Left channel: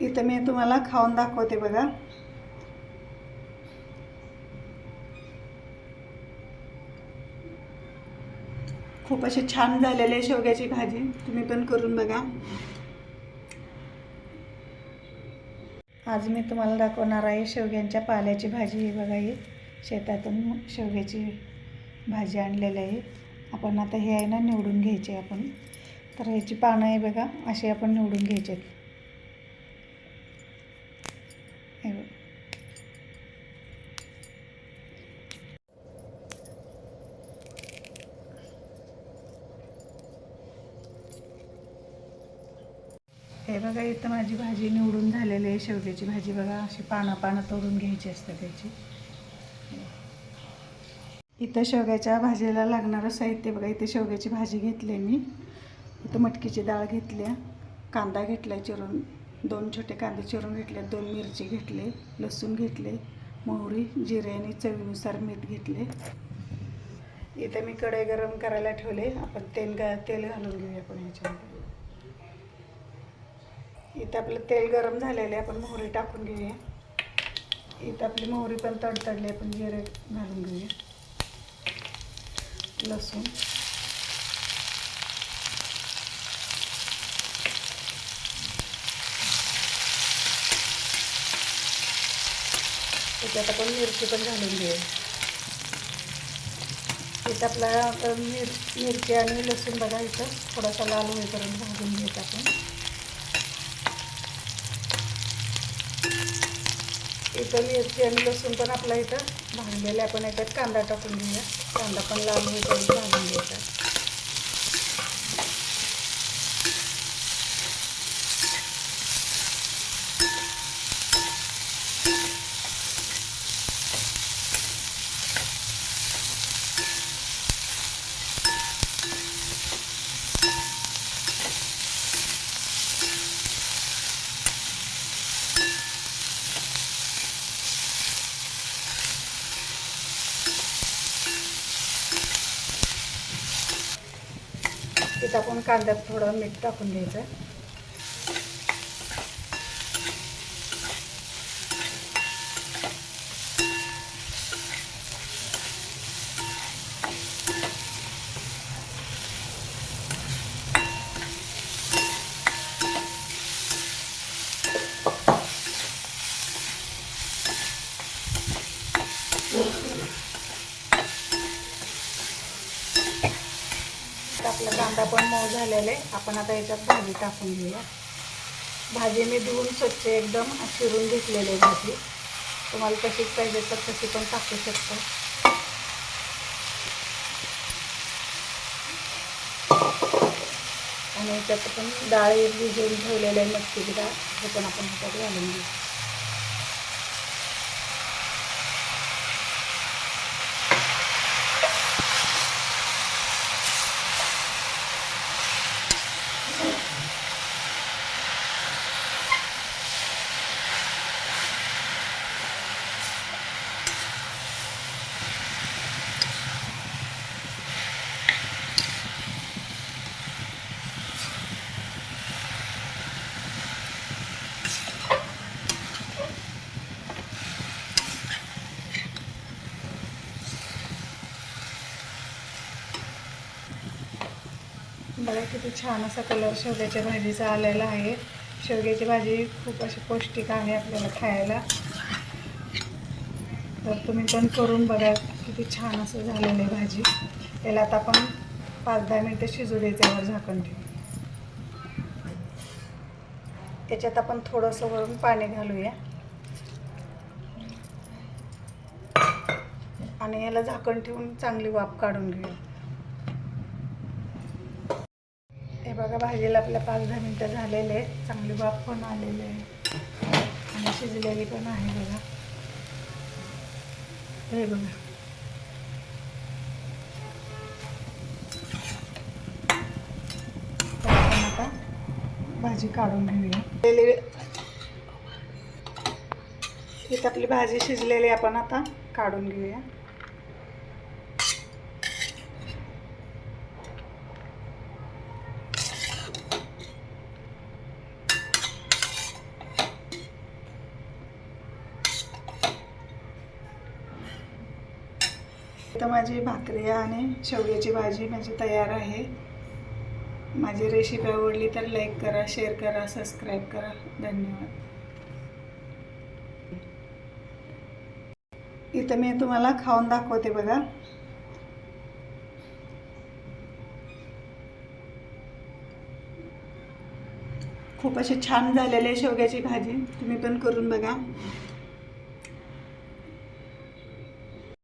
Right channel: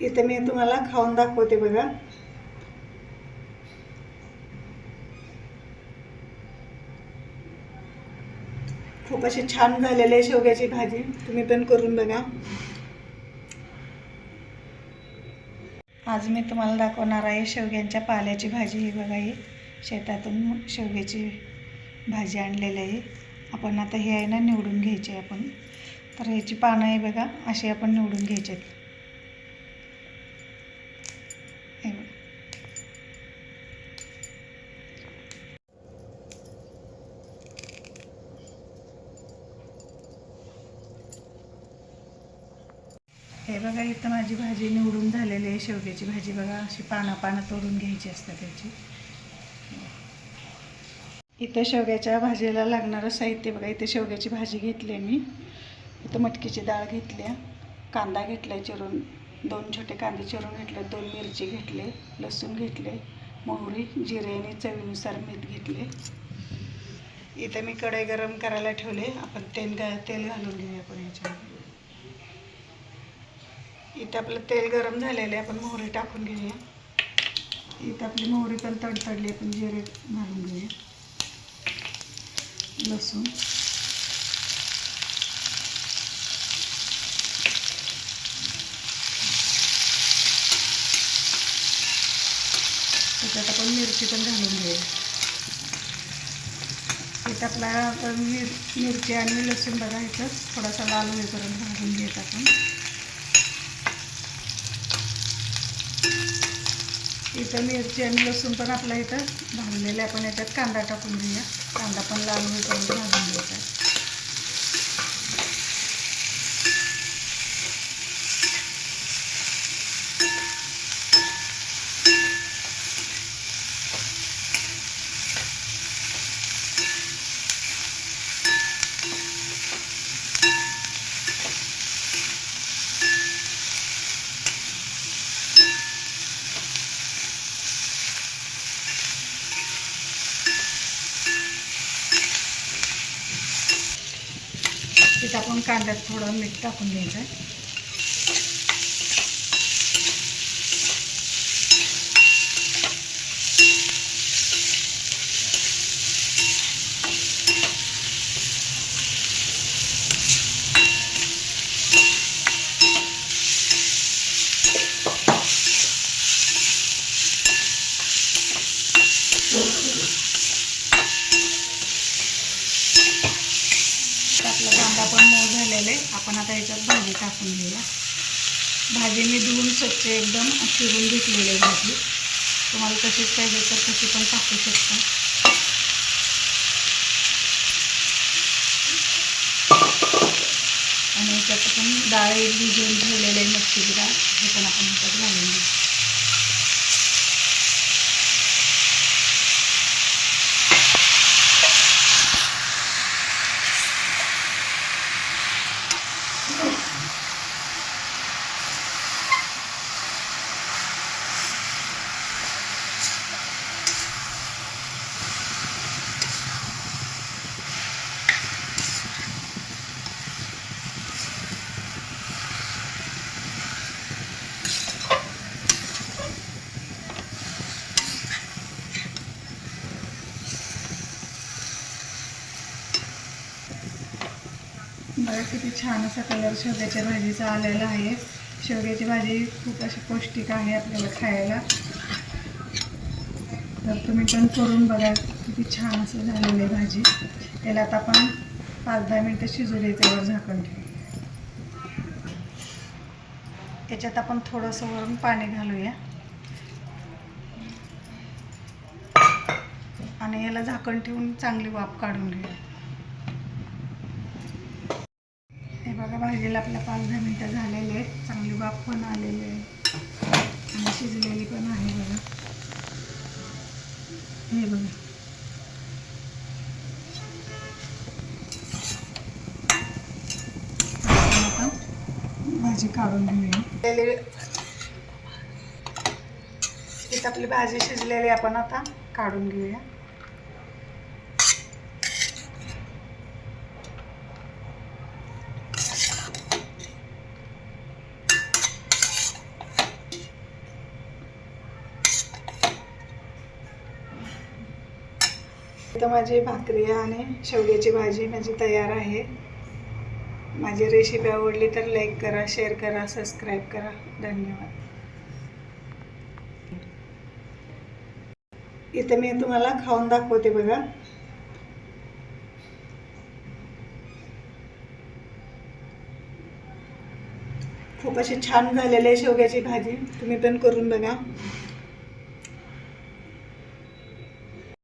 इथं मी तुम्हाला खाऊन दाखवते बघा. खूप अशी छान झालेली आहे शेवग्याची भाजी. तुम्ही पण करून बघा. आज मी तुम्हाला दाखवणार आहे शेवग्यांच्या पाल्याची भाजी. ही बघा ही शेतातून शेवग्याची भाजी आणलेली आहे. आपण आता हे आहे ना निवडून घ्यायचे आपण. तर ह्याची पानं आहे बघा अशी आपण निवडून घ्यायचे आहेत बघा. हे बघा इथं माझी भाजी निवडून झालेली आहे शेवग्याची भाजी. बघा अशी पानं पानं तोडून घ्यायची असतात त्याची. इथं शेवग्याच्या भाजीला लागणारं साहित्य बघा इथे शेवग्याची भाजी घेतली मी. इथं मटकीची डाळ घेतली कांदा घेतला चिरून. दोन छोटे कांदे चिरून घेतले दोन मिरची घेतले लसूण घेतले मोहरी जिरे आणि चवीनुसार मीठ घेतले इथं मी कढई गरम करायला ठेवले. आपण तेल तेल घालून घेऊया आपण याच्यामध्ये. इथं आपलं तेल गरम झालेलं आहे आपण मोहरी टाकून घेऊया. इथं आपली मोहरी पण तडतडली आपण जिरे घालून घेऊया. लसूण. त्याच्यात आपण मिरची पण घालून घेऊया. इथं आपला मिर मिरची आणि लसूण बघा इथं थोडासा लाल होईपर्यंत भाजून घेत आपण. इथं मिरची आणि लसूण पण आपल्या इथं भाजलेले आपण याच्यात कांदा टाकून घेऊया. कांदा पण लाल होईल भाजून घ्यायचा इथं आपण कांद्यात थोडं मीठ टाकून घ्यायचं आहे आपला कांदा पण मऊ आपण आता याच्यात भाजी टाकून घेऊया. भाजी मी धुवून स्वच्छ एकदम चिरून घेतलेली आहे भाजी. तुम्हाला तशीच पाहिजे तर तशी पण टाकू शकतो. आणि याच्यात पण डाळ भिजवून ठेवलेले आहे मच्छीची डाळ. हे पण आपण ह्याच्यात घालून घेऊ. बघा किती छान असा कलर शेवग्याच्या भाजीचा आलेला आहे. शेवग्याची भाजी खूप अशी पौष्टिक आहे आपल्याला खायला. तर तुम्ही पण करून बघा किती छान असं झालेलं आहे भाजी. त्याला आता आपण पाच दहा मिनटं शिजू द्यायच्यावर झाकण ठेवू त्याच्यात आपण थोडंसं वरून पाणी घालूया. आणि याला झाकण ठेवून चांगली वाफ काढून घेऊया हे बघा भाजीला आपल्या पाच दहा मिनटं झालेले आहेत. चांगली वाफ पण आलेली आहे. आणि शिजलेली पण आहे बघा. हे बघा. आता भाजी काढून घेऊया. इथं आपली भाजी शिजलेली आपण आता काढून घेऊया. इथं माझी भाकरी आणि शेवग्याची भाजी म्हणजे तयार आहे. माझी रेसिपी आवडली तर लाईक करा शेअर करा सबस्क्राईब करा. धन्यवाद. इथं मी तुम्हाला खाऊन दाखवते बघा. खूप अशी छान झालेली आहे शेवग्याची भाजी. तुम्ही पण करून बघा.